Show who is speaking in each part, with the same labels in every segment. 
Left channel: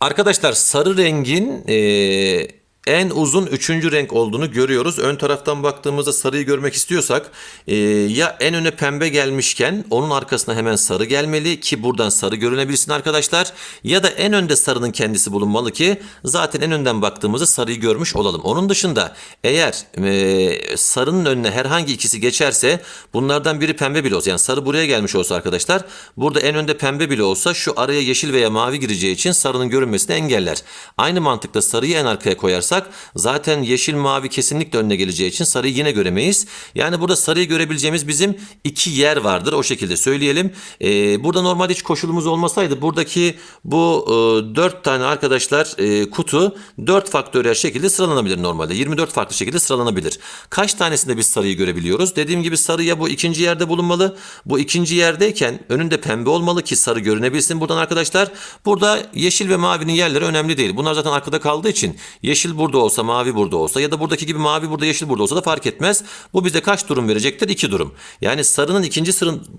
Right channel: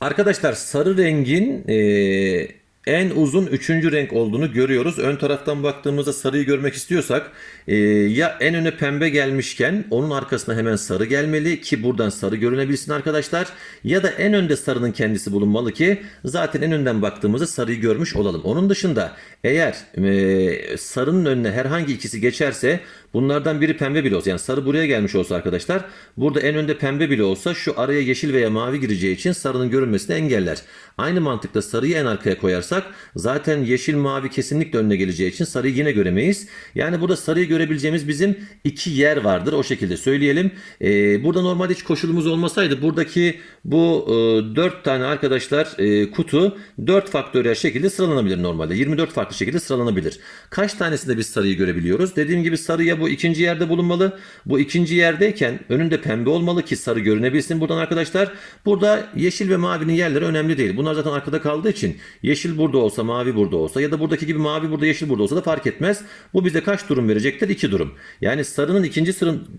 Speaker 1: Arkadaşlar sarı rengin eee, en uzun üçüncü renk olduğunu görüyoruz. Ön taraftan baktığımızda sarıyı görmek istiyorsak eee, ya en öne pembe gelmişken onun arkasına hemen sarı gelmeli ki buradan sarı görünebilsin arkadaşlar. Ya da en önde sarının kendisi bulunmalı ki zaten en önden baktığımızda sarıyı görmüş olalım. Onun dışında eğer eee, sarının önüne herhangi ikisi geçerse bunlardan biri pembe bile olsa yani sarı buraya gelmiş olsa arkadaşlar burada en önde pembe bile olsa şu araya yeşil veya mavi gireceği için sarının görünmesini engeller. Aynı mantıkla sarıyı en arkaya koyarsak zaten yeşil mavi kesinlikle önüne geleceği için sarıyı yine göremeyiz. Yani burada sarıyı görebileceğimiz bizim iki yer vardır o şekilde söyleyelim. Ee, burada normalde hiç koşulumuz olmasaydı buradaki bu e, 4 tane arkadaşlar e, kutu 4 faktöriyel şekilde sıralanabilir normalde. 24 farklı şekilde sıralanabilir. Kaç tanesinde biz sarıyı görebiliyoruz? Dediğim gibi sarı ya bu ikinci yerde bulunmalı. Bu ikinci yerdeyken önünde pembe olmalı ki sarı görünebilsin buradan arkadaşlar. Burada yeşil ve mavinin yerleri önemli değil. Bunlar zaten arkada kaldığı için yeşil burada olsa mavi burada olsa ya da buradaki gibi mavi burada yeşil burada olsa da fark etmez. Bu bize kaç durum verecektir? 2 durum. Yani sarının ikinci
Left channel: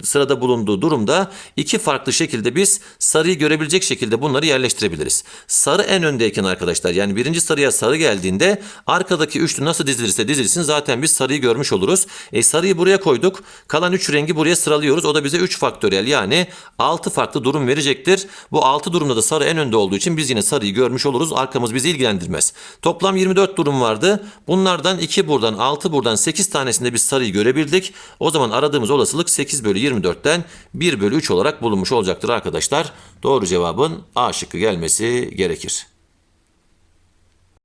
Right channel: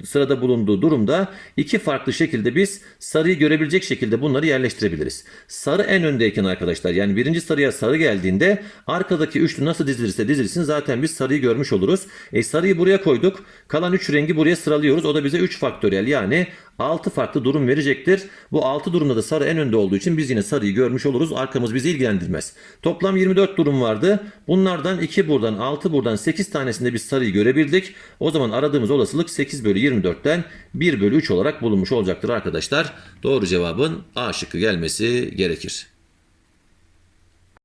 Speaker 1: sırada bulunduğu durumda iki farklı şekilde biz sarıyı görebilecek şekilde bunları yerleştirebiliriz. Sarı en öndeyken arkadaşlar yani birinci sarıya sarı geldiğinde arkadaki üçlü nasıl dizilirse dizilsin zaten biz sarıyı görmüş oluruz. E sarıyı buraya koyduk. Kalan 3 rengi buraya sıralıyoruz. O da bize 3 faktöriyel yani 6 farklı durum verecektir. Bu 6 durumda da sarı en önde olduğu için biz yine sarıyı görmüş oluruz. Arkamız bizi ilgilendirmez. Toplam 24 durum vardı. Bunlardan 2 buradan 6 buradan 8 tanesinde biz sarıyı görebildik. O zaman aradığımız olasılık 8 bölü 24'ten 1 bölü 3 olarak bulunmuş olacaktır arkadaşlar. Doğru cevabın A şıkkı gelmesi gerekir.